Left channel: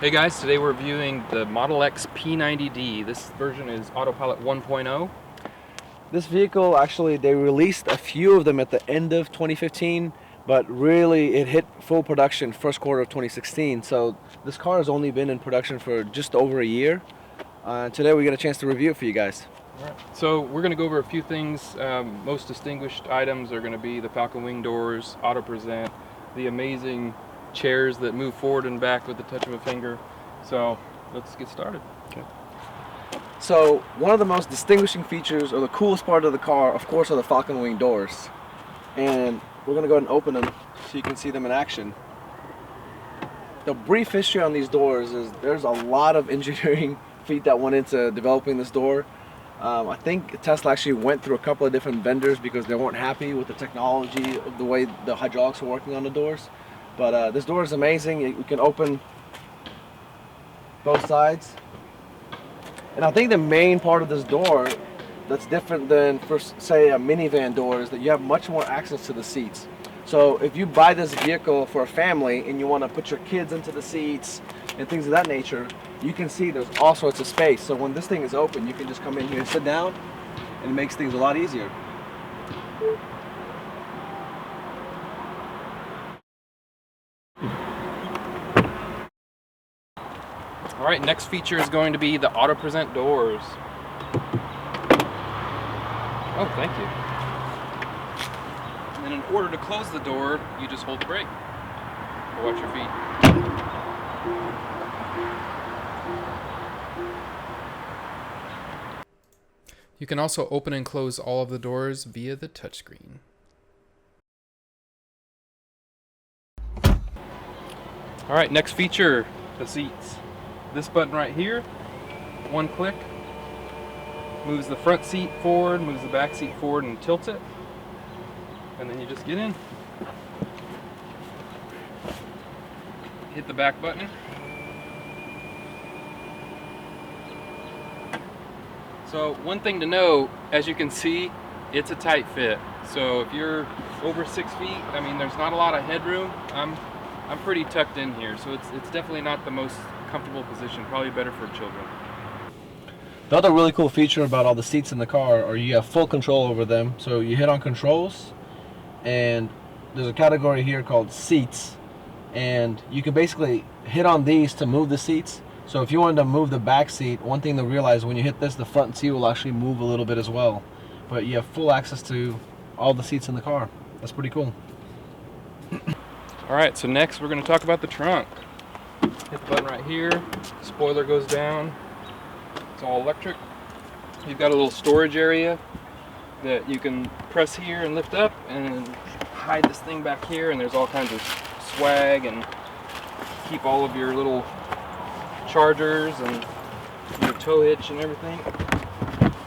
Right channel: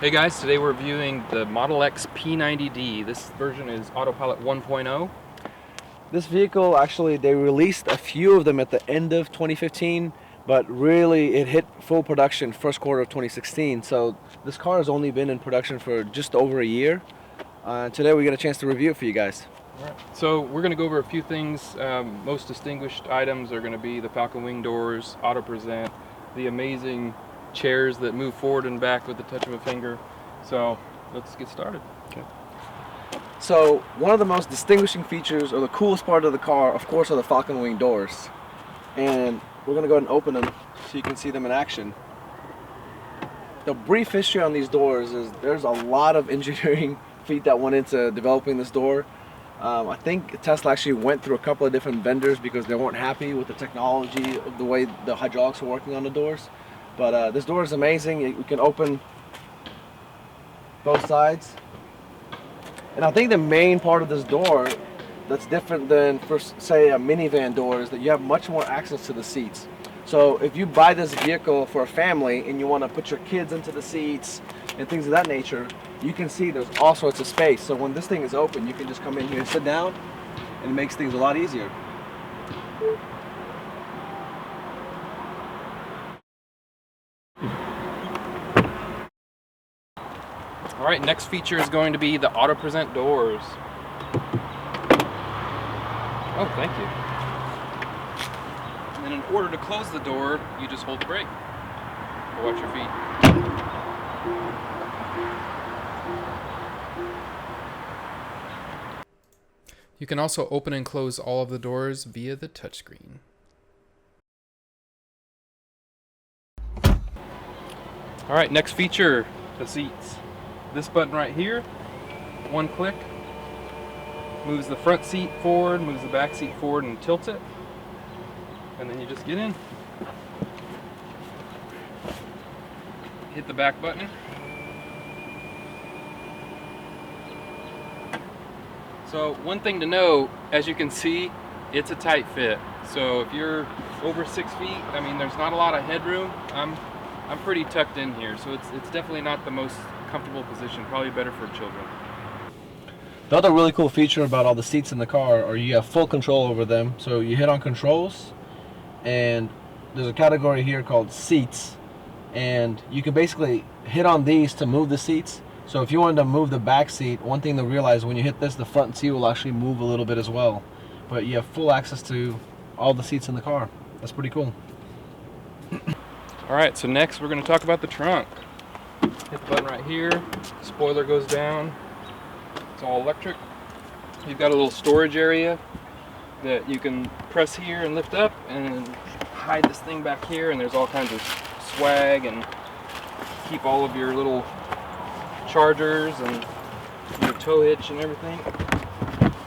Hey guys, today we're reviewing the Model X P90D. This version is Autopilot 1.0. This vehicle, actually, they released a few of them at the end of 2015, but really it hit full production first quarter of 2016. So this car has only been in production for just over a year. Today we get a chance to review it for you guys. All right. So we're going to go over a few things. Most distinguished items are going to be the Falcon wing doors, auto present, the amazing chairs that move forward and back with the touch of a finger. So let's get started. Okay. So one of the most distinguishing features, or the coolest part of the car, of course, are the Falcon wing doors. And we're going to go ahead and open them so you can see them in action. The brief history on these doors is there's a lot of engineering feat that went into developing this door. I think Tesla actually went through a couple of different vendors because they weren't happy with the technology, the way the hydraulics were working on the doors. But this door is amazing. You can open both sides. And I think the main part of this door that's different than, for say, a minivan door is that you have much more access to the seats. So if you buy this vehicle for a family and you want to put your kids into the seats and things of that nature, you can see there's all sorts of space. So when this thing is open, you can just come in here and sit down, and it makes things a lot easier. All right, next feature is going to be the auto present doors. Oh, thank you. And in order to close the door, you just hold the brake. Watch your feet. You can also open and close all of the doors via the touchscreen. All right, next feature, the seats. This button right here, one click, moves the front seat forward, moves the back seat forward and tilts it. And then you just get in. Hit the back button. So one thing to know, as you can see, it's a tight fit. So if you're over 6 feet, I mean, there's not a lot of headroom. I'm pretty tucked in here, so it's definitely not the most comfortable position, probably better for children. The other really cool feature about all the seats in the car are you have full control over them. So you hit on controls, and there's a category here called seats, and you can basically hit on these to move the seats. So if you wanted to move the back seat, one thing to realize, when you hit this, the front seat will actually move a little bit as well. But you have full access to all the seats in the car. That's pretty cool. All right, so next we're going to talk about the trunk. Hit the button right here, spoiler goes down, it's all electric. You've got a little storage area that you can press here and lift up and hide this thing back here, and there's all kinds of swag and keep all of your little chargers and your tow hitch and everything.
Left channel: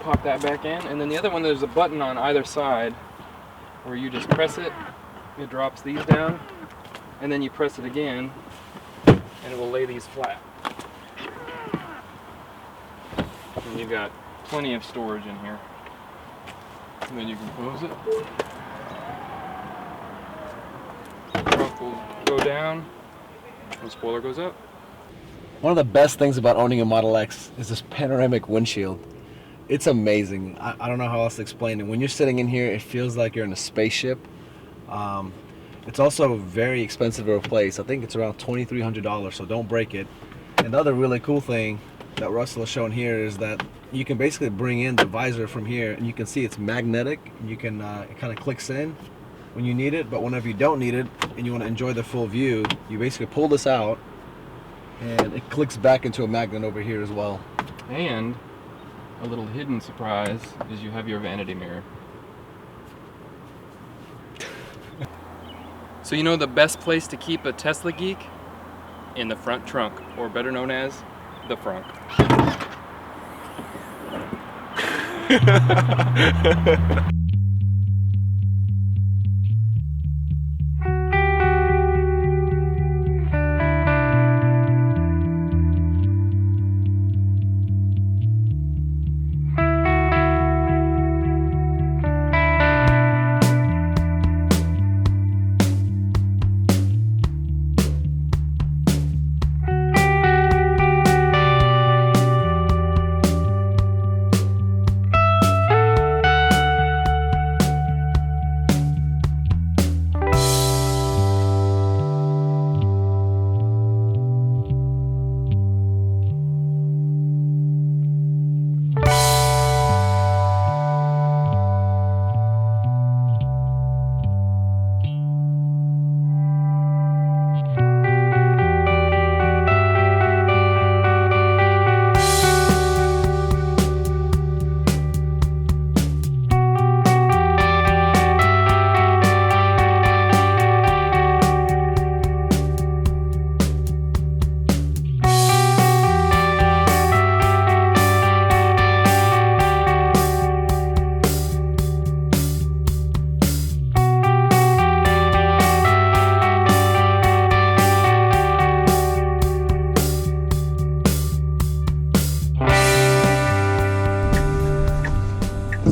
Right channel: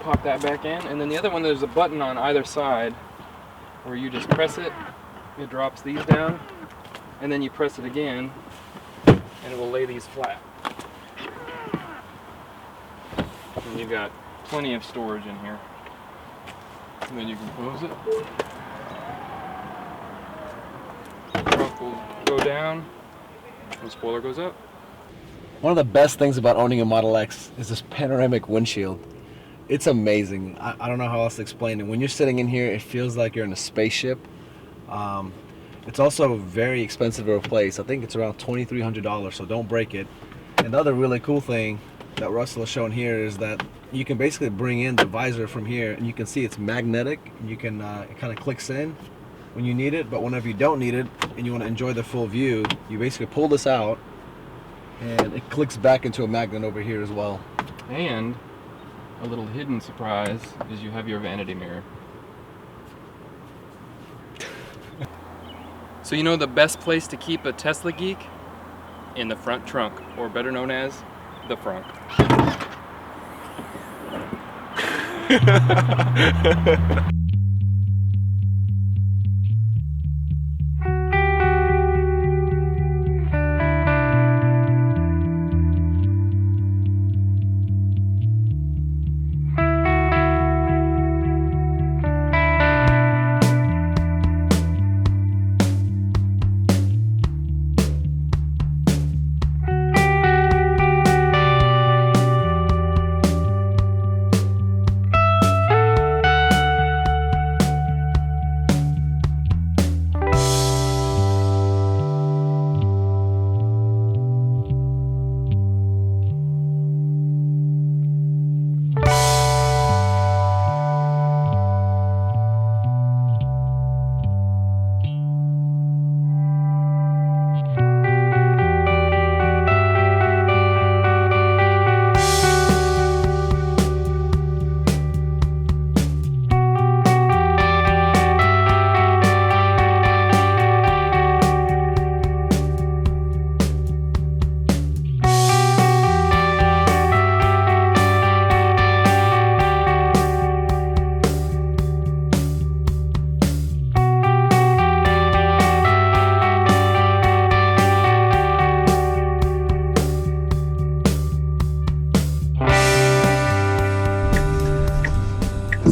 Pop that back in, and then the other one, there's a button on either side where you just press it, it drops these down, and then you press it again and it will lay these flat. And you've got plenty of storage in here. And then you can close it. The trunk will go down, the spoiler goes up. One of the best things about owning a Model X is this panoramic windshield. It's amazing. I don't know how else to explain it. When you're sitting in here, it feels like you're in a spaceship. It's also very expensive to replace. I think it's around $2,300, so don't break it. And the other really cool thing that Russell has shown here is that you can basically bring in the visor from here, and you can see it's magnetic. You can it kind of clicks in when you need it, but whenever you don't need it and you want to enjoy the full view, you basically pull this out and it clicks back into a magnet over here as well. And a little hidden surprise is you have your vanity mirror. So you know the best place to keep a Tesla geek? In the front trunk, or better known as the frunk.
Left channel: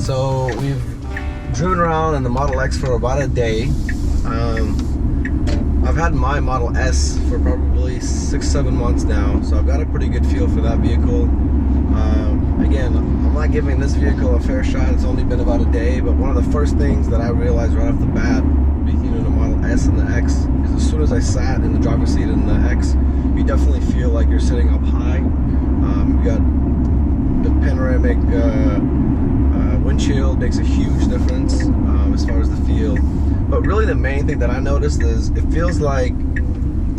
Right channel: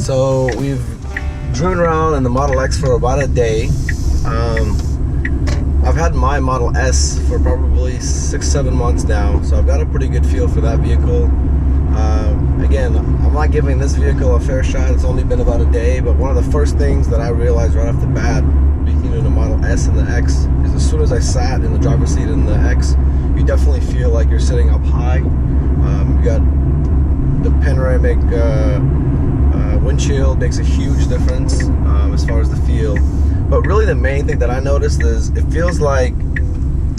So we've driven around in the Model X for about a day. I've had my Model S for probably 6-7 months now, so I've got a pretty good feel for that vehicle. Again, I'm not giving this vehicle a fair shot. It's only been about a day, but one of the first things that I realized right off the bat, between the Model S and the X, is as soon as I sat in the driver's seat in the X, you definitely feel like you're sitting up high. You got the panoramic windshield, makes a huge difference as far as the feel. But really the main thing that I noticed is it feels like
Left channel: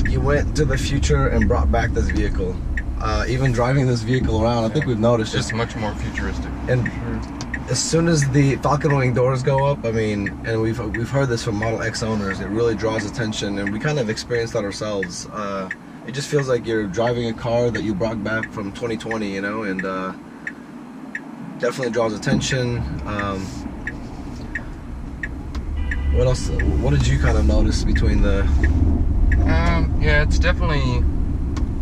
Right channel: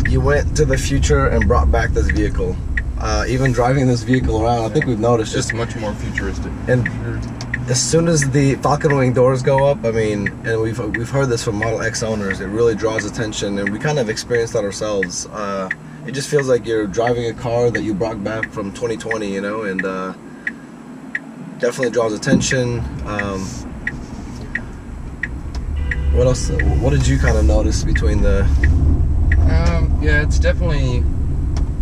you went to the future and brought back this vehicle. Even driving this vehicle around, I think we've noticed it's much more futuristic. And as soon as the Falcon wing doors go up, I mean, and we've heard this from Model X owners, it really draws attention, and we kind of experienced that ourselves. It just feels like you're driving a car that you brought back from 2020, you know, and definitely draws attention. What else? What did you kind of notice between the? Yeah, it's definitely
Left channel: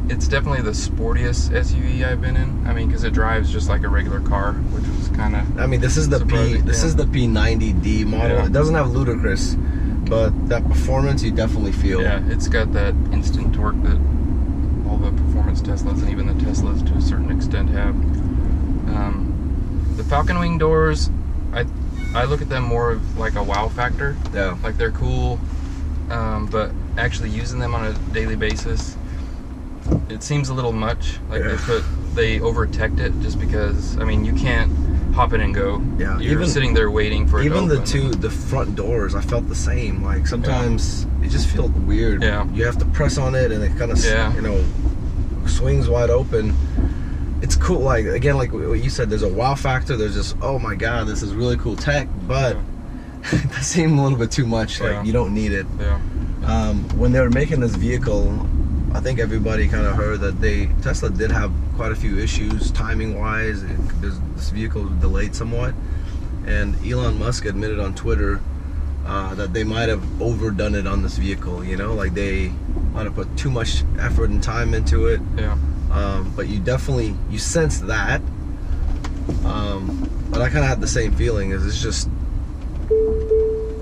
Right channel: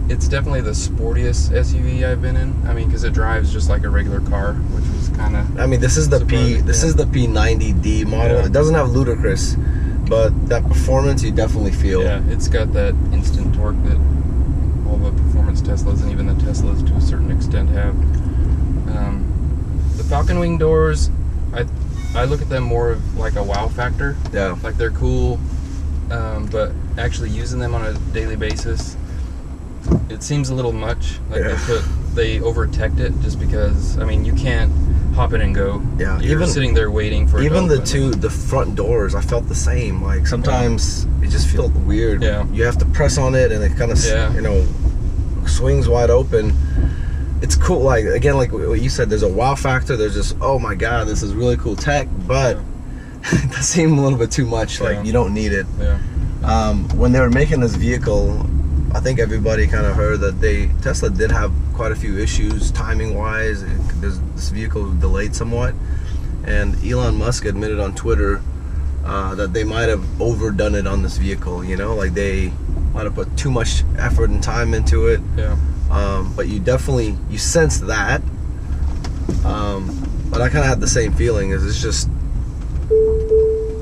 the sportiest SUV I've been in. I mean, because it drives just like a regular car, which was kind of. I mean, this is the P90D model. Yeah. It doesn't have Ludicrous, but that performance you definitely feel. Yeah, it's got that instant torque that all the performance Teslas and even the Teslas to a certain extent have. The Falcon wing doors, I look at them more of like a wow factor. Yeah. Like they're cool, but actually using them on a daily basis, it seems a little much. Like they over-teched it just because, I mean, you can't hop in and go. Yeah. You're even sitting there waiting for it even to the front doors, I felt the same. Like sometimes it just feels weird. Yeah. You have to press on it and it kind of you know, swings wide open. It's cool, like again, like what you said, there's a wow factor, there's just, oh my god, this is really cool tech, but it does seem a little bit too much. Like you don't need it. When they were making this vehicle, I think everybody kind of heard that Tesla did have quite a few issues timing wise. This vehicle was delayed somewhat, and Elon Musk admitted on Twitter that they might have overdone it on this vehicle, you know, like they might have put too much effort and time into it. But you sense that. But I kind of had the same feeling. It's just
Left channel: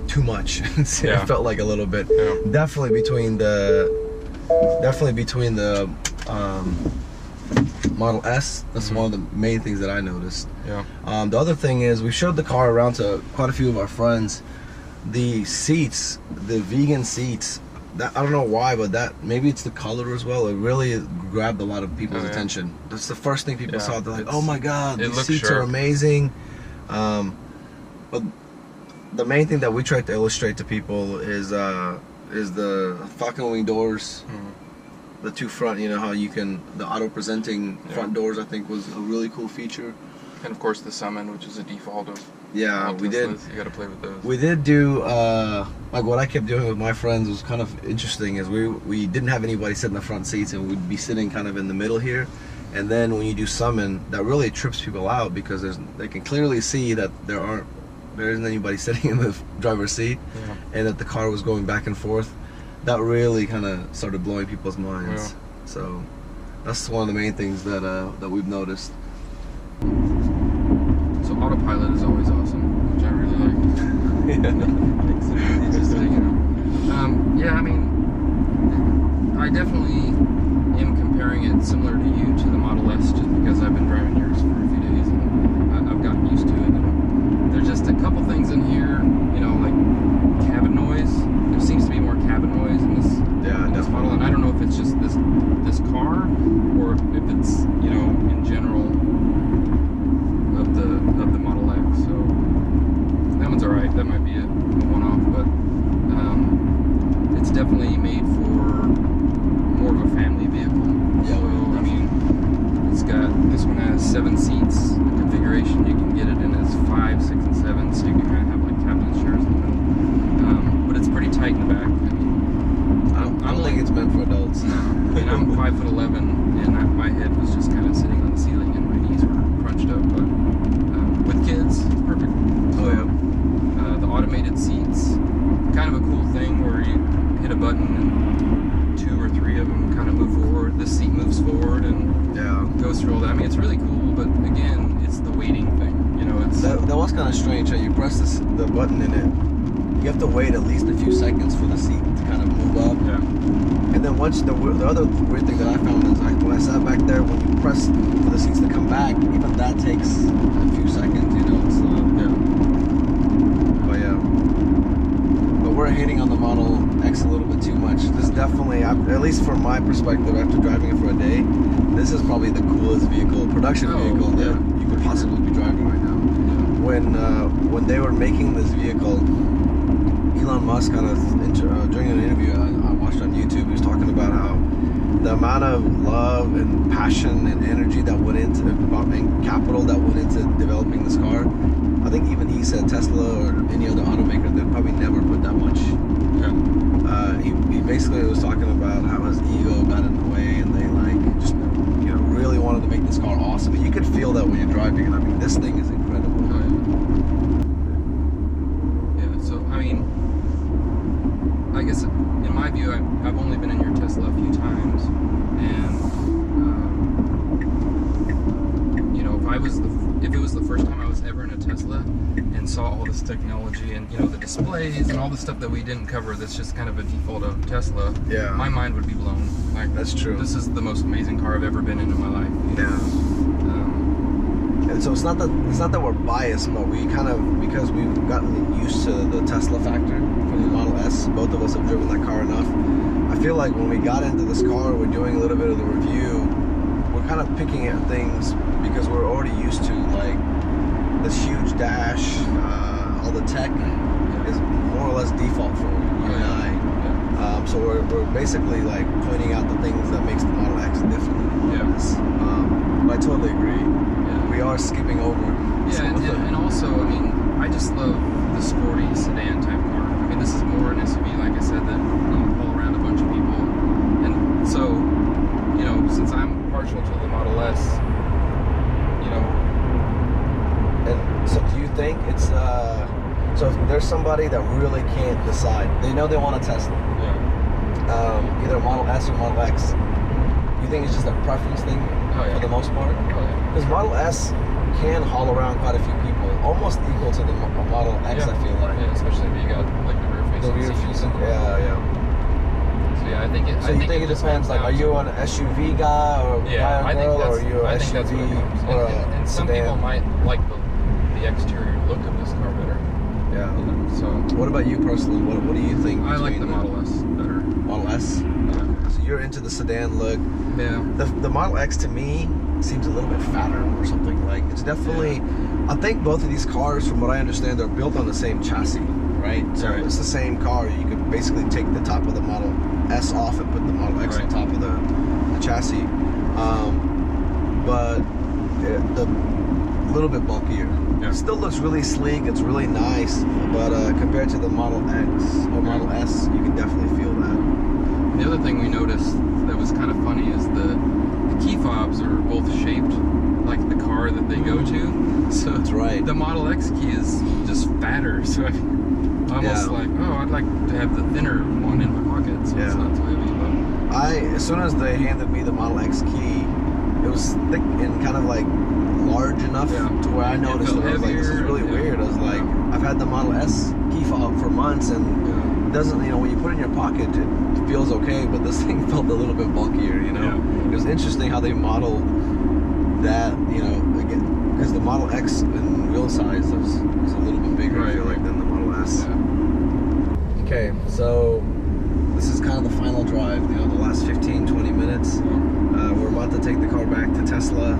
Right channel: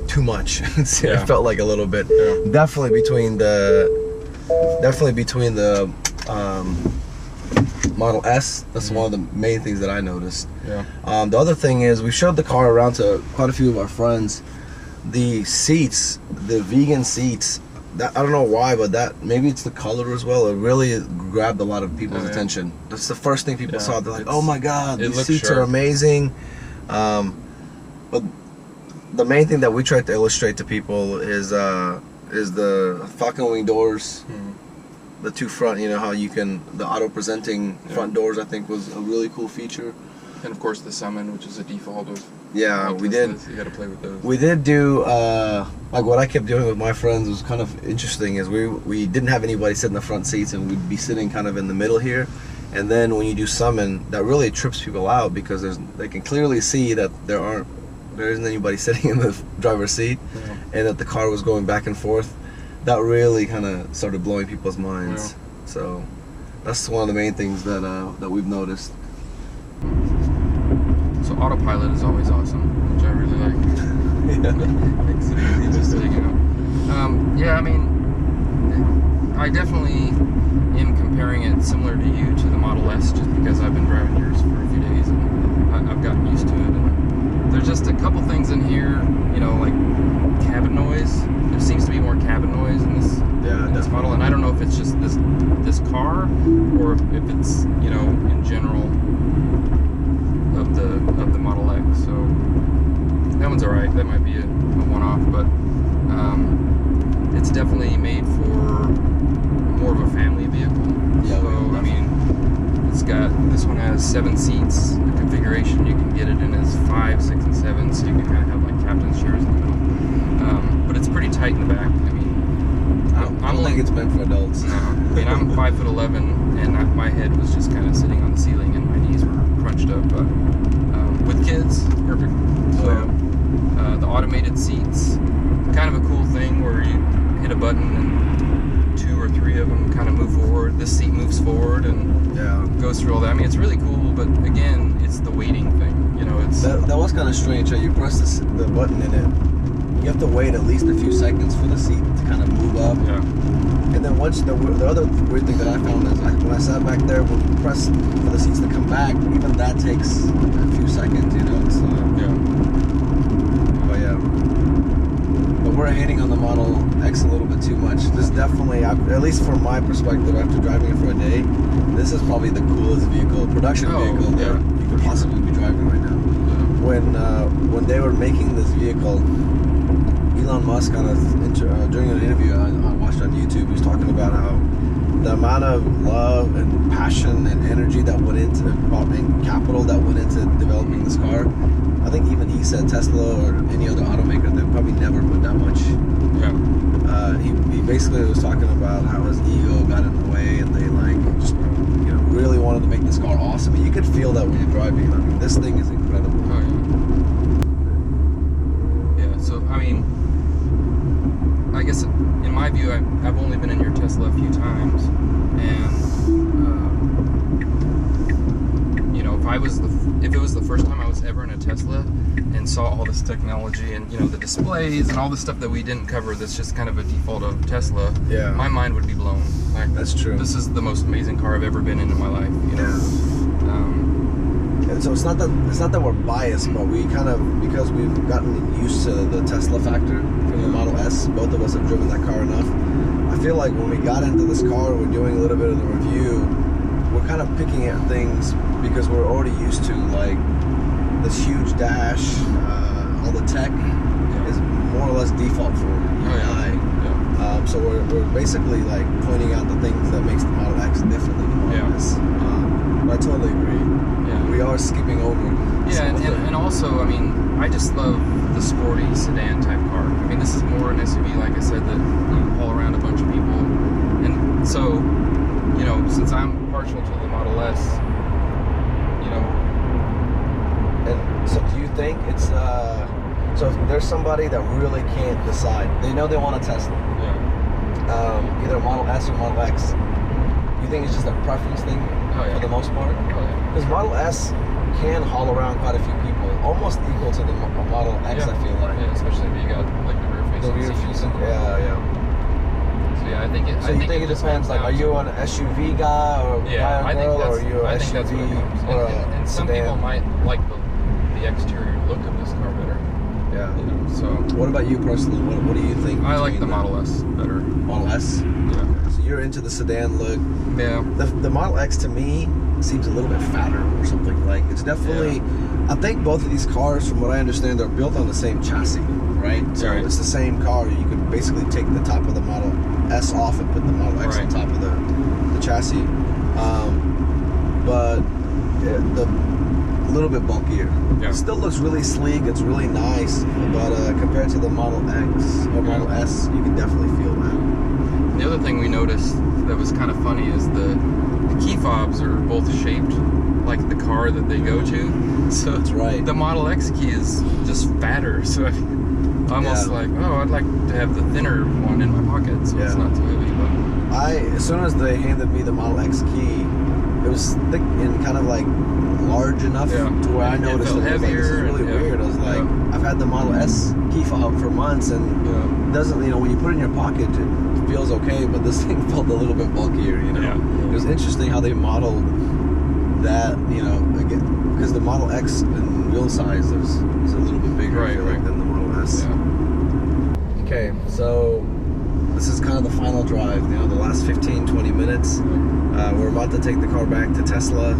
too much. It felt like a little bit. Definitely between the Model S. That's one of the main things that I noticed. The other thing is we showed the car around to quite a few of our friends. The seats, the vegan seats. That, I don't know why, but that maybe it's the color as well. It really grabbed a lot of people's attention. That's the first thing people saw. They're like, "Oh my god, these seats are amazing." But the main thing that we tried to illustrate to people is the Falcon wing doors, the two front. You know how you can the auto presenting front doors. I think was a really cool feature. And of course the Summon, which is a default of. We did. You got to play with those. We did do like what I kept doing with my friends was kind of interesting. Is we didn't have anybody sit in the front seats, and we'd be sitting kind of in the middle here, And then when you do summon, that really trips people out because they can clearly see that there isn't anybody sitting in the driver's seat, and that the car was going back and forth. That really kind of started blowing people's minds. Yeah. So that's one of the main things that we've noticed. So autopilot is always awesome, which I really like. Makes it easy just to, yeah, I mean, I definitely am comparing it similar to you to the Model S, just because I've been driving yours for a few days and I've gotten used to it. And there's just a couple things in here, like cabin noise. There seems to be more cabin noise in this model, and I don't know if it's just this car or if it's in general of the Model X. So that one's all right. That might be a one-off, but it's definitely made for more of a family vehicle. Yeah, so I mean, this one has 7 seats. The configuration, you can get it in as 5, 6, and 7, so you can kind of have like captain's chairs in the middle. But it's pretty tight in the back. I mean, I don't think it's meant for adults. No, I mean, I'm 5'11", and my head was just kind of sitting on the ceiling, and my knees were crunched up. But with kids, perfect. So the automated seats, kind of a cool thing where you hit a button and 2 or 3 of them kind of move forward. This seat moves forward and goes through all that. I mean, it's really cool, but again, it's the waiting thing. It's that was kind of strange. You press the button in it, you have to wait at least a few seconds for the seat to kind of move up. Yeah. And then once the other weird thing that I found is when I sat back there, when you press for the seats to come back, even that takes a few seconds. So but we're hating on the Model X a little bit too much. This definitely, at least from my perspective, after driving it for a day, this is probably the coolest production vehicle that you could possibly be driving right now. Yeah. When they were making this vehicle, Elon Musk during an interview I watched on YouTube, he was talking about how the amount of love and passion and energy that went into and capital that went into developing this car. I think even he said Tesla or any other automaker, they've probably never put that much. Yeah. He basically was talking about how his ego got in the way, and they just really wanted to make this car awesome. And you could feel that when you're driving it. I mean, this thing is incredible. Oh yeah. Yeah. So I mean, I guess in my view, I've only been in your Tesla a few times, and if it was the first time I was ever in a Tesla and saw all this technology and the displays and all the stuff that we didn't cover, that's just kind of a default of Tesla. Yeah. My mind would be blown. That's true. This is the most amazing car I've ever been in my life. So it's not that we're biased, but we kind of, because we've gotten used to the Tesla factor from the Model S, both of us have driven that car enough. I feel like when we got into this car, we're doing a little bit of the review, we're kind of picking at things because we're already used to this huge dash, all the tech is more or less default for you and I. Yeah. So we're basically pointing out the things that makes the Model X different than the Model S. But I totally agree. Yeah. We are skipping over. Yeah, and also, I mean, I just love the sporty sedan type car. I mean, this is more an SUV, like I said, that haul around a bunch of people. And so, since I'm partial to the Model S, And so do you think it's, so if there's somebody that really can't decide, they know they want a Tesla, either a Model S or Model X, you think it's just a preference thing for the most part? Because Model S can haul around quite a few people, almost equal to the Model X, I feel like. Yeah, especially if you got the rear facing. I think it. So you think it depends? Are you an SUV guy or guy or girl, or are you an SUV or and some people might like the exterior look of this car better. Yeah. So. What about you personally? What do you think? I like the Model S better. Model S. Yeah. So you're into the sedan look. Yeah. The Model X to me seems a little bit fatter or something. It's definitely. Yeah. I think both of these cars, from what I understand, they're built on the same chassis, right? So it's the same car. You could basically take the top of the Model S off and put the Model X on top of the chassis, but the little bit bulkier. It still looks really sleek. It's really nice, but compared to the Model X or Model S, you can definitely feel that. The other thing we noticed that was kind of funny is the key fobs are both shaped like the car that they go to. So That's right. the Model X key is just fatter. So I almost like, oh, I'd like to have the thinner one in my pocket, so it's not too heavy. But as soon as they handed me the Model X key, it was thick and kind of like large enough to where I noticed it. I was like, this is really weird. I was like, I've had the Model S key fob for months, and it doesn't, you know, when you put it in your pocket, it feels okay, but this thing felt a little bit bulkier, you know. It was interesting how they modeled that, you know, again, because the Model X in real size is a little bit bigger, I feel like, than the Model S. Okay, so this is kind of the final drive, you know, the last 15-20 minutes. We're about to take the car back to Tesla.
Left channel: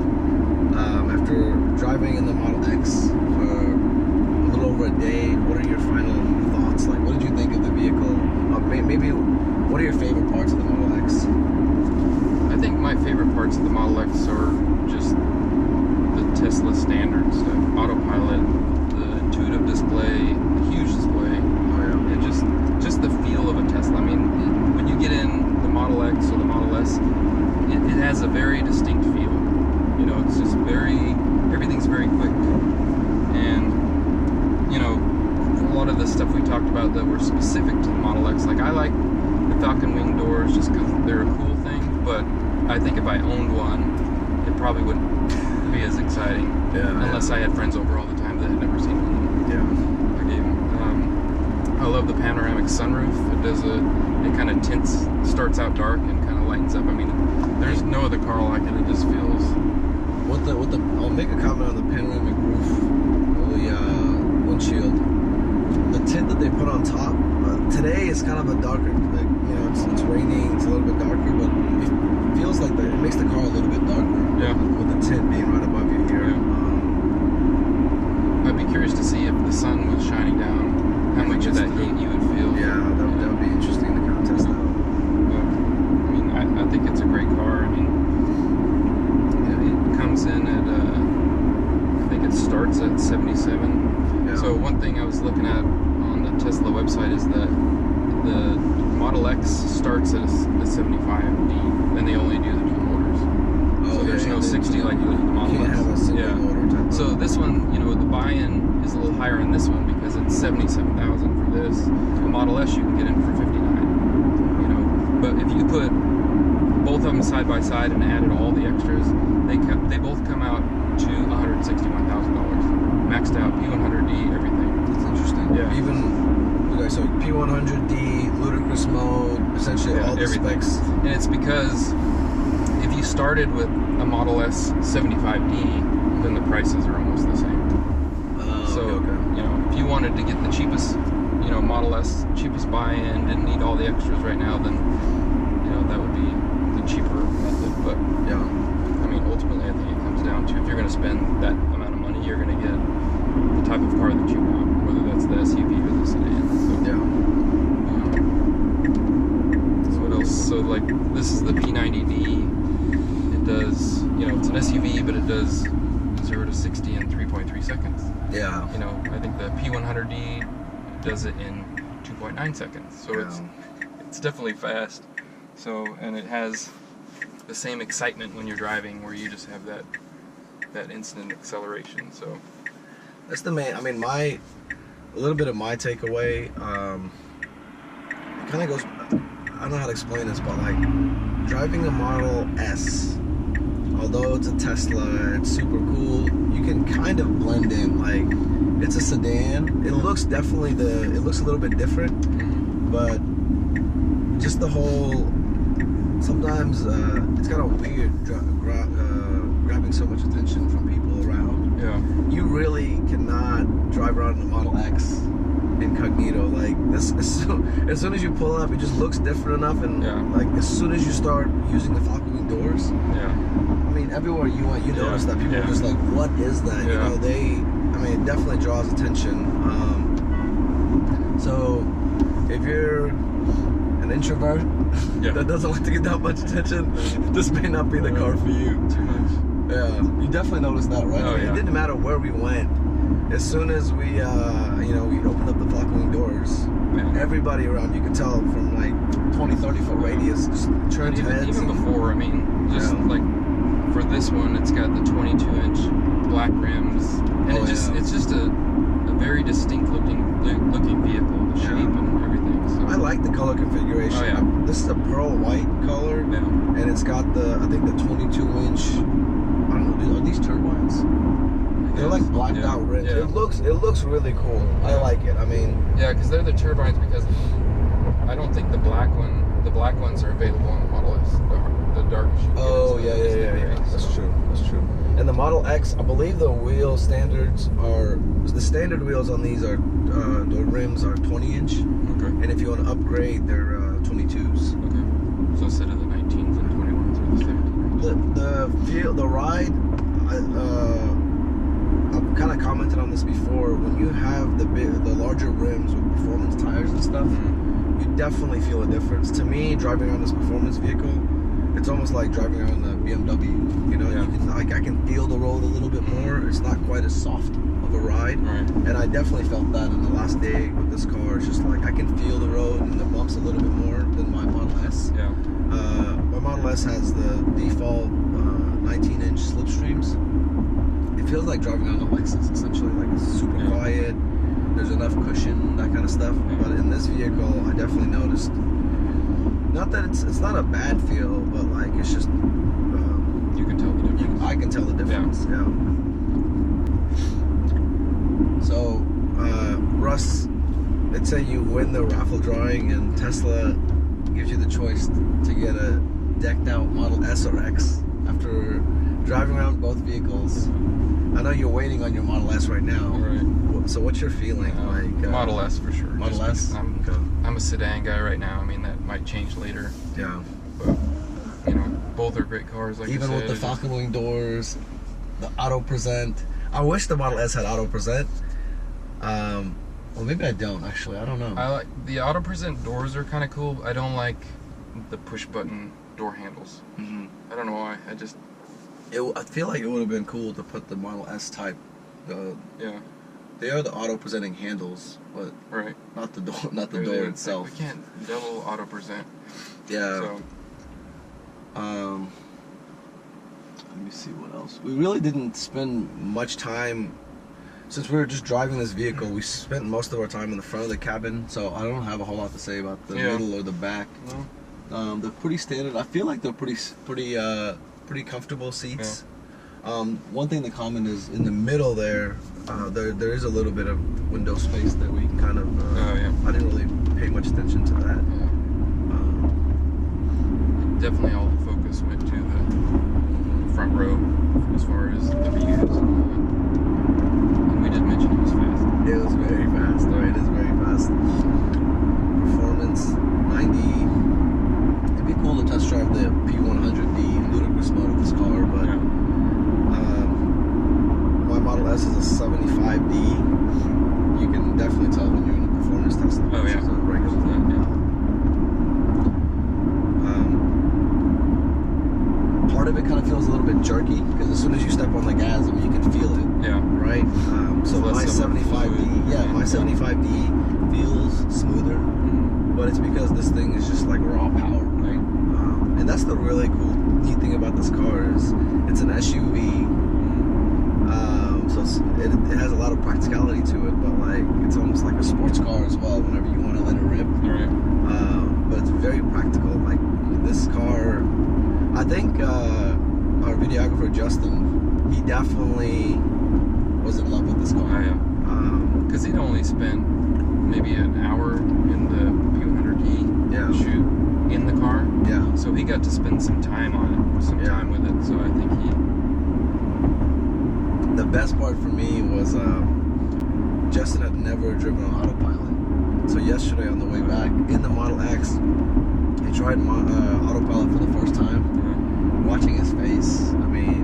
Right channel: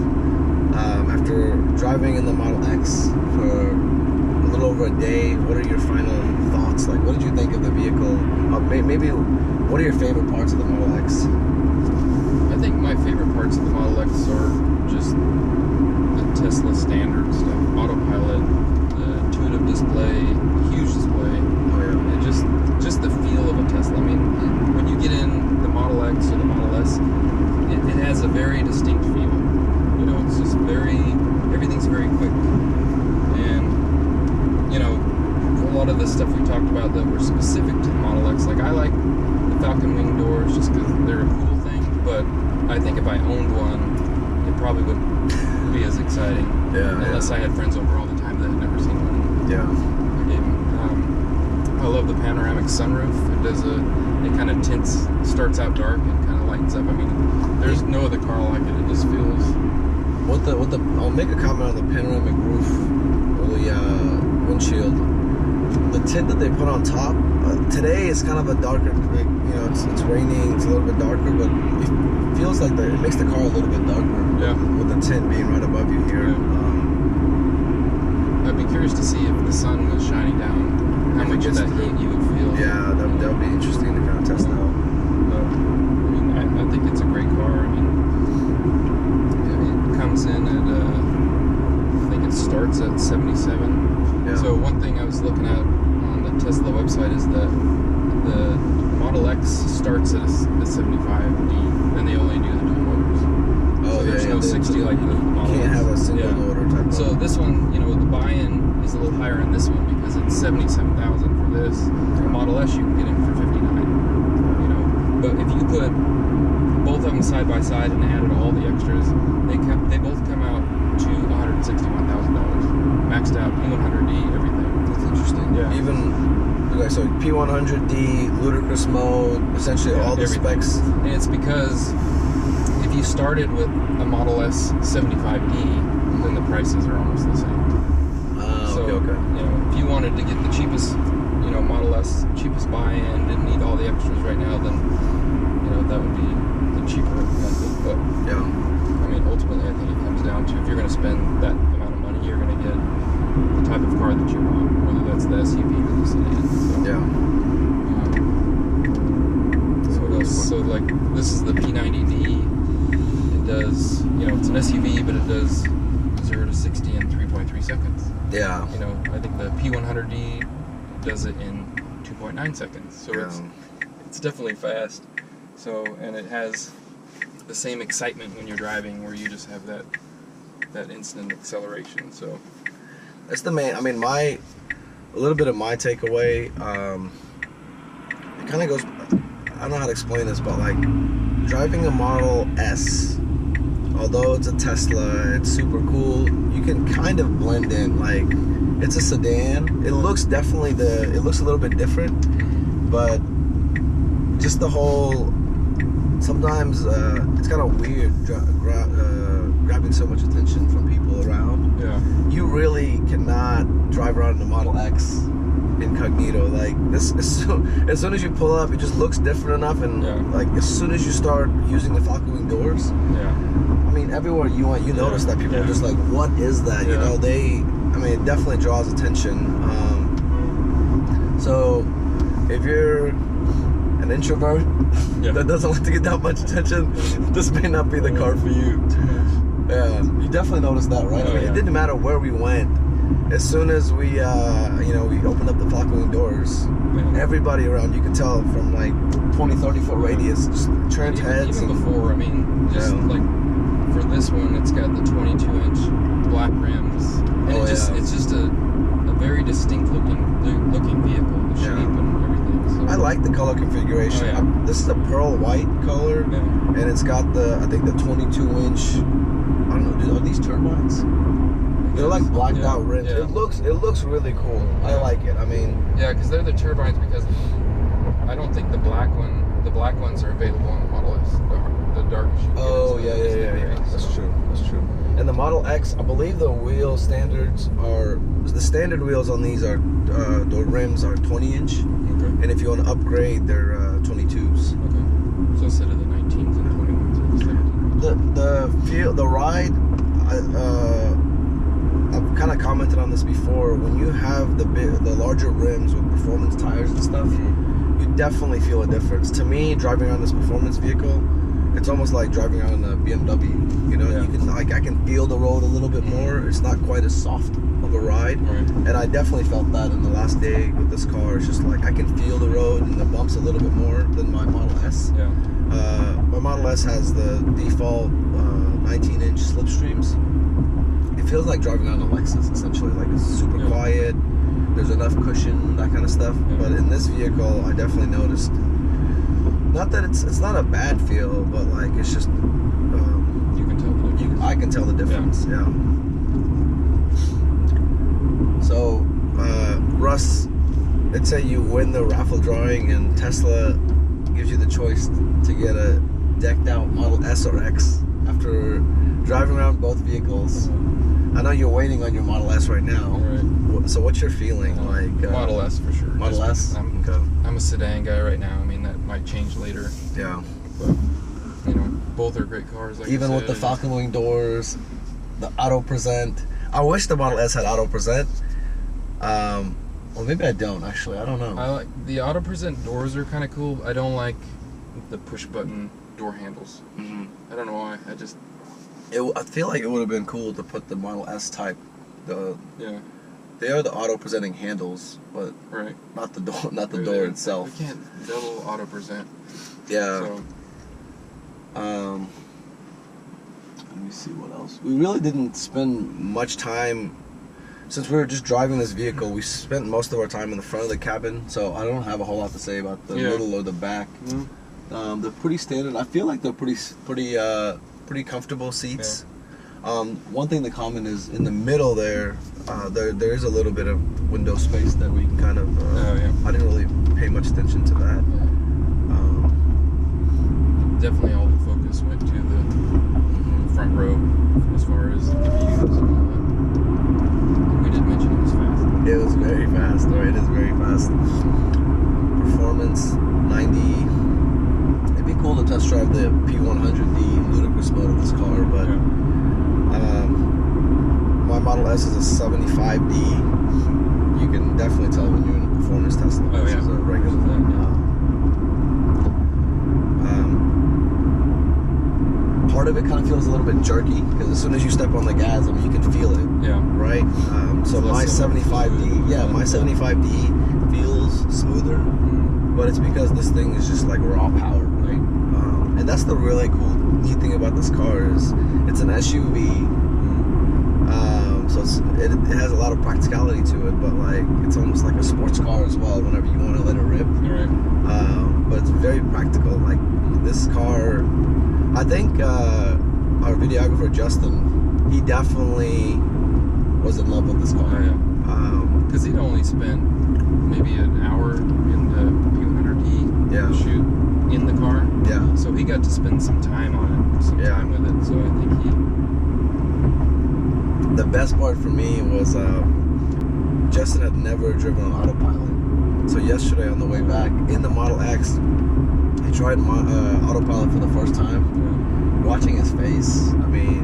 After driving in the Model X for a little over a day, what are your final thoughts? Like, what did you think of the vehicle? Maybe, what are your favorite parts of the Model X? I think my favorite parts of the Model X are just the Tesla standard stuff. Autopilot, the intuitive display, the huge display. And just the feel of a Tesla. I mean, when you get in the Model X or the Model S, it has a very distinct feel. You know, it's just everything's very quick. And, you know, a lot of the stuff we talked about that were specific to the Model X, like I like the Falcon wing doors just because they're a cool thing, but I think if I owned one, it probably wouldn't be as exciting. Unless I had friends over all the time that had never seen one. I gave them. I love the panoramic sunroof. It kind of starts out dark and kind of lightens up. I mean, there's no other car like it. It just feels. I'll make a comment on the panoramic roof, the windshield. The tint that they put on top. Today is kind of a darker, like, you know, it's raining. It's a little bit darker, but it feels like it makes the car a little bit darker. With the tint being right above you here. I'd be curious to see if the sun was shining down, how much of that heat you would feel. That would be interesting to kind of test out. But, I mean, I think it's a great car. I mean, it comes in at, I think it starts at 77. So one thing I was looking at on the Tesla website is that the Model X starts at a 75D, then they only do the dual motors. So there's no 60 like the Model X. You can't have a single motor type of. So this one, you know, the buy-in is a little higher in this one because it's 77,000 for this. The Model S you can get in for 59. You know, but if you put both of them side by side and added all the extras, they both come out to $161,000, maxed out P100D, everything. That's interesting. Even so, P100D, Ludicrous mode, essentially all the specs. And it's because if you started with a Model S 75D, then the prices are almost the same. You know, if you wanted to get the cheapest, you know, Model S, cheapest buy-in, didn't need all the extras right now, then, you know, that would be the cheaper method. But I mean, ultimately, I think it comes down to if you're going to spend that amount of money, you're going to get the type of car that you want, whether that's the SUV or the sedan. So, so what else? So, like, this is the P90D. It does, you know, it's an SUV, but it does 0 to 60 in 3.3 seconds. You know, I think the P100D does it in 2.9 seconds. So it's definitely fast. So, and it has the same excitement when you're driving, where you just have that instant acceleration. So that's the main. I mean, a little bit of my takeaway. It kind of goes. I don't know how to explain this, but like driving a Model S, although it's a Tesla, it's super cool. You can kind of blend in. Like, it's a sedan. It looks it looks a little bit different, but just the whole. Sometimes it's kind of weird grabbing so much attention from people around. You really cannot drive around in a Model X incognito. Like this, as soon as you pull up, it just looks different enough, and like as soon as you start using the Falcon wing doors, I mean, everywhere you went, you notice that people are just like, "What is that?" You know, I mean, it definitely draws attention. So, if you're an introvert that doesn't like to get that much attention, this may not be the car for you. Too much. You definitely noticed that, right? I mean, it didn't matter where we went. As soon as we, you know, we opened up the Falcon wing doors, everybody around, you could tell from like 20, 30 foot radius, just turned heads. Even before, I mean, just like for this one, it's got the 22-inch black rims, and it's just a very distinct looking vehicle, the shape and everything. So I like the color configuration. Oh, yeah. This is a pearl white color, and it's got I think the 22-inch. I don't know. Are these turbines? They're like blacked out rims. Yeah. It looks really cool. I like it. I mean, yeah, because they're the turbines. Because I don't think the black ones are available on the Model S. The darkest. Oh yeah. That's true. And the Model X, I believe the wheel standards are the standard wheels on these are the rims are 20-inch. Okay. And if you want to upgrade, they're 22s. Okay. So instead of the 19s and 21s or the 17s. The ride. I've kind of commented on this before. When you have the larger rims with performance tires and stuff, you definitely feel a difference. To me, driving around this performance vehicle, it's almost like driving around a BMW. You know, you can I can feel the road a little bit more. It's not quite as soft of a ride, and I definitely felt that in the last day with this car. It's just like I can feel the road and the bumps a little bit more than my Model S. Yeah. My Model S has the default 19-inch slipstreams. It feels like driving on a Lexus, essentially. Like it's super quiet. There's enough cushion, that kind of stuff. Yeah. But in this vehicle, I definitely noticed. Not that it's not a bad feel, but like it's just. You can tell the difference. I can tell the difference. Yeah. So, Russ, let's say you win the raffle drawing and Tesla gives you the choice to get a decked out Model S or X after driving around both vehicles. I know you're waiting on your Model S right now. Right. So what's your feeling like? Model S for sure. Model S? I'm a sedan guy right now. I mean, that might change later. Yeah. But, you know, both are great cars. Like even with the Falcon wing doors, the auto present. I wish the Model S had auto present. Well, maybe I don't actually. I don't know. I like the auto present doors are kind of cool. I don't like the push button door handles. Mm-hmm. I don't know why. I feel like it would have been cool to put the Model S type. They are the auto presenting handles, but not the door, not the door itself. We can't double auto present. Yeah. So. Let me see what else. We really didn't spend much time. Since we were just driving this vehicle, we spent most of our time in the front of the cabin, so I don't have a whole lot to say about the middle or the back. Mm-hmm. They're pretty standard. I feel like they're pretty comfortable seats. Yeah. One thing to comment is in the middle there is a little bit of window space that we can kind of. I didn't really pay much attention to that. Yeah. Definitely, all the focus went to the front row as far as the views and all that. We did mention it was fast. It was very fast. Right, it is very fast. Performance 90. It'd be cool to test drive the P100D Ludicrous mode of this car, but my Model S is a 75D. You can definitely tell when you're in a performance Tesla versus a regular one. Part of it kind of feels a little bit jerky because as soon as you step on the gas, I mean, you can feel it. Yeah. Right. So my 75D, my 75D feels smoother, but it's because this thing is just like raw power, right? And that's the really cool, neat thing about this car is it's an SUV. So it has a lot of practicality to it, but like it's almost like a sports car as well. Whenever you want to let it rip. Right. But it's very practical. Like this car. I think our videographer Justin, he definitely was in love with this car. Oh, yeah. Because he'd only spent maybe an hour in the P100D shoot in the car. Yeah. So he got to spend some time on it, time with it. So I think the best part for me was Justin had never driven on autopilot. So yesterday on the way back in the Model X, he tried autopilot for the first time. Watching his face, I mean,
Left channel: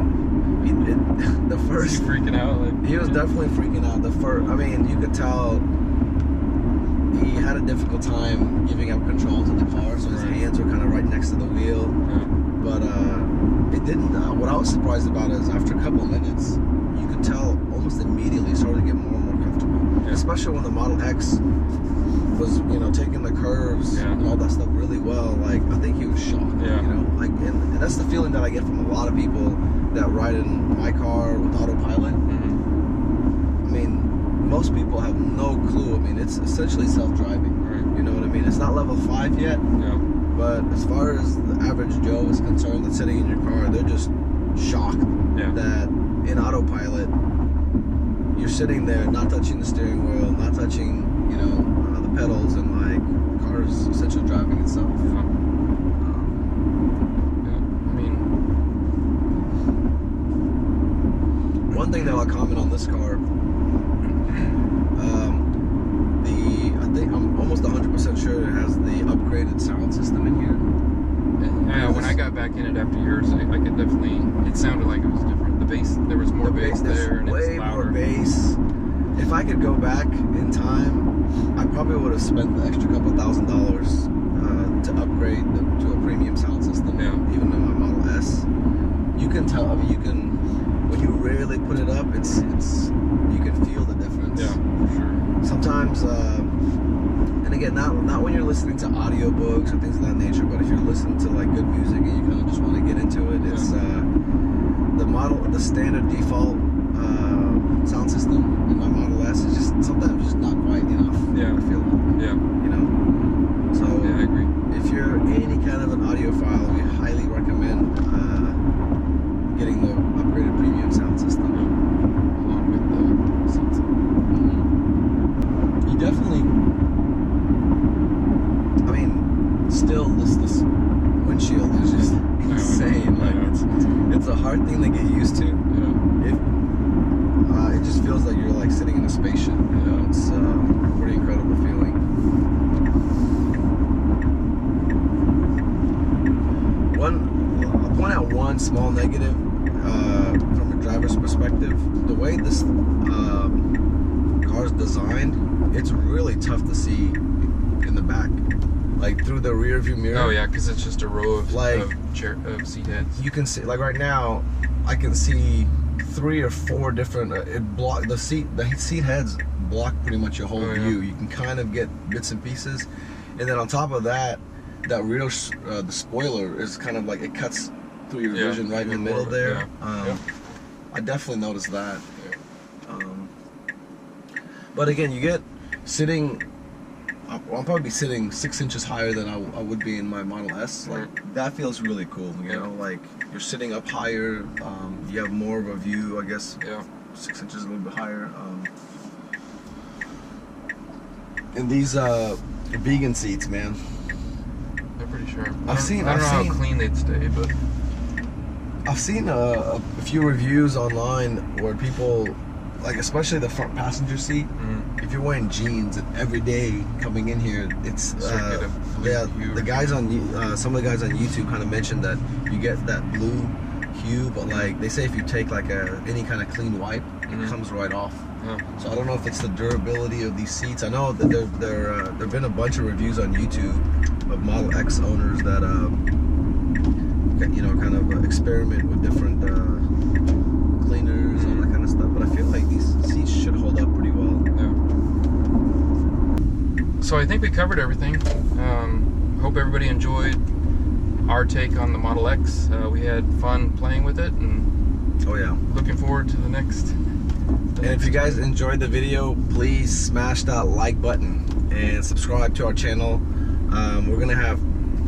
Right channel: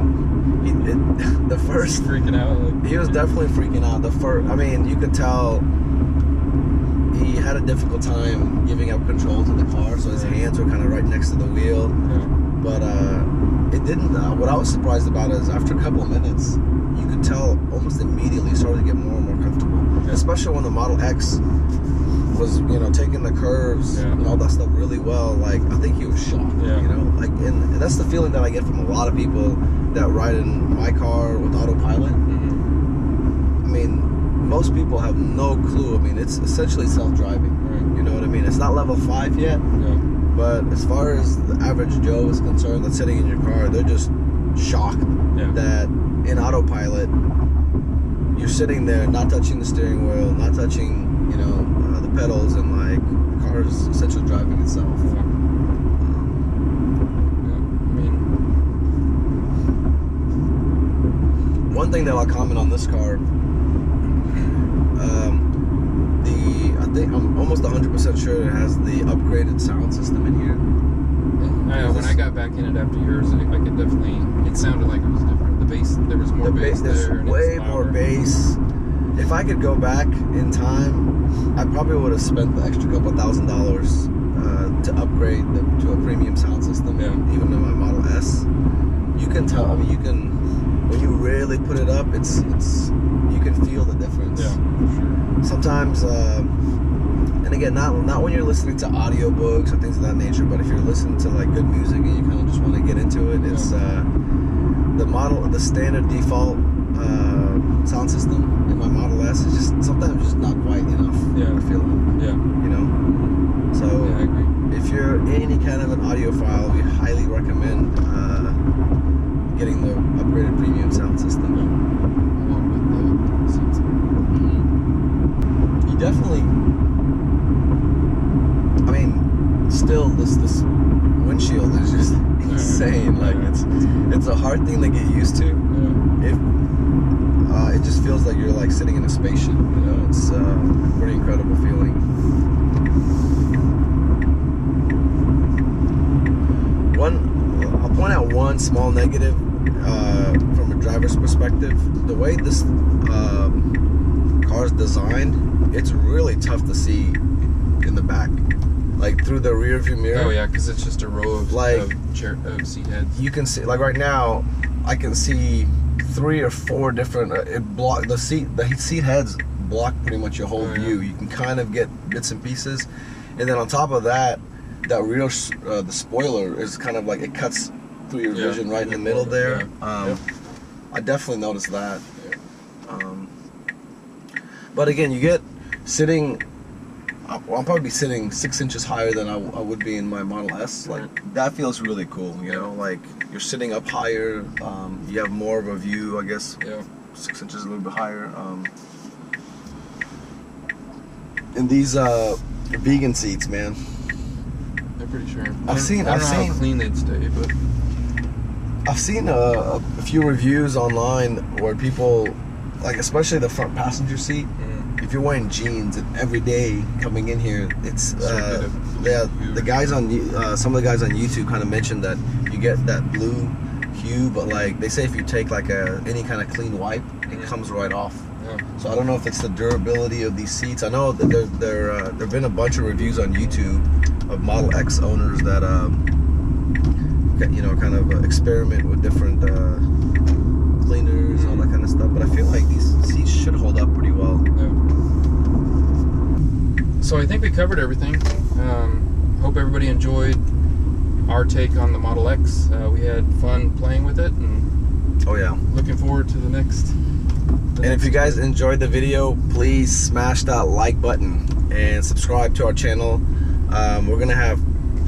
the first. Was he freaking out? Like, he was definitely freaking out. I mean, you could tell he had a difficult time giving up control to the car, so his hands were kind of right next to the wheel. Yeah. But it didn't. What I was surprised about is after a couple of minutes, you could tell almost immediately it started to get more and more comfortable. Yeah. Especially when the Model X was, you know, taking the curves and all that stuff really well. Like, I think he was shocked. Yeah. You know, like, and that's the feeling that I get from a lot of people that ride in my car with autopilot. I mean, most people have no clue. I mean, it's essentially self-driving. Right. You know what I mean? It's not level 5 yet. Yeah. But as far as the average Joe is concerned that's sitting in your car, they're just shocked that in autopilot, you're sitting there not touching the steering wheel, not touching, you know, the pedals, and like the car is essentially driving itself. Yeah. I mean, one thing that I'll comment on this car, I think I'm almost 100% sure it has the upgraded sound system in here. when I got back in it after yours, I could definitely, it sounded like it was different. The bass, there was more bass there. There's way more bass. If I could go back in time, I probably would have spent the extra couple $1,000 to upgrade to a premium sound system, even in my Model S. You can tell, I mean, you can, when you really put it up, it's you can feel the difference. Yeah, for sure. Sometimes, and again, not when you're listening to audiobooks or things of that nature, but if you're listening to like good music and you kind of just want to get into it, it's the standard default sound system in my Model S is just sometimes just not quite enough. I feel like. You know. So I agree. If you're any kind of an audiophile, we highly recommend getting the upgraded premium sound system. Along with the seats. You definitely, I mean, still this windshield is just insane. Like it's a hard thing to get used to. It just feels like you're like sitting in a spaceship. You know, it's a pretty incredible feeling. I'll point out one small negative from a driver's perspective. The way this car is designed, it's really tough to see in the back, like through the rear view mirror. Oh yeah, because it's just a row of seat heads. You can see, like right now, I can see 3 or 4 different. The seat heads block pretty much your whole view. You can kind of get bits and pieces, and then on top of that, that rear the spoiler is kind of like it cuts through your vision right in the middle there. I definitely noticed that. But again, you get sitting. I'll probably be sitting 6 inches higher than I would be in my Model S. Like that feels really cool. You know, like you're sitting up higher. You have more of a view, I guess. 6 inches a little bit higher. And these vegan seats, man. They're pretty sharp. I don't know how clean they'd stay, but I've seen a few reviews online where people, like especially the front passenger seat, if you're wearing jeans and every day coming in here, it's the guys on some of the guys on YouTube kind of mentioned that you get that blue hue, but like they say if you take like any kind of clean wipe, it comes right off. So I don't know if it's the durability of these seats. I know that there've been a bunch of reviews on YouTube of Model X owners that you know, kind of experiment with different cleaners and all that kind of stuff, but I feel like these seats should hold up pretty well. So I think we covered everything. Hope everybody enjoyed our take on the Model X. We had fun playing with it, and looking forward to the next. And if you guys enjoyed the video, please smash that like button and subscribe to our channel. We're gonna have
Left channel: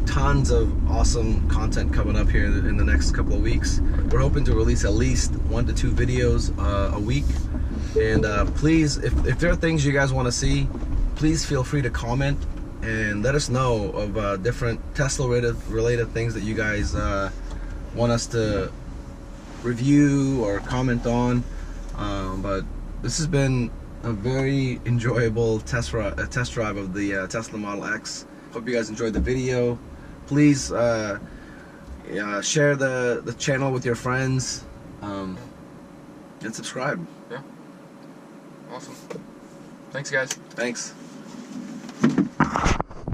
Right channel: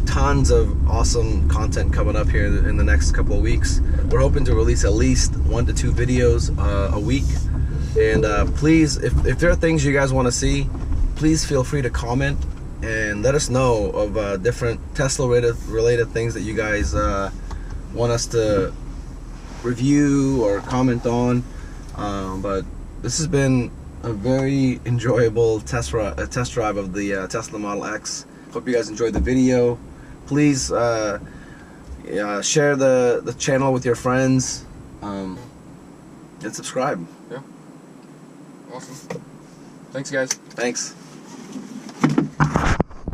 tons of awesome content coming up here in the next couple of weeks. We're hoping to release at least 1 to 2 videos a week. And please, if there are things you guys want to see, please feel free to comment and let us know of different Tesla related things that you guys want us to review or comment on. But this has been a very enjoyable test drive of the Tesla Model X. Hope you guys enjoyed the video. Please share the channel with your friends and subscribe. Awesome. Thanks, guys. Thanks.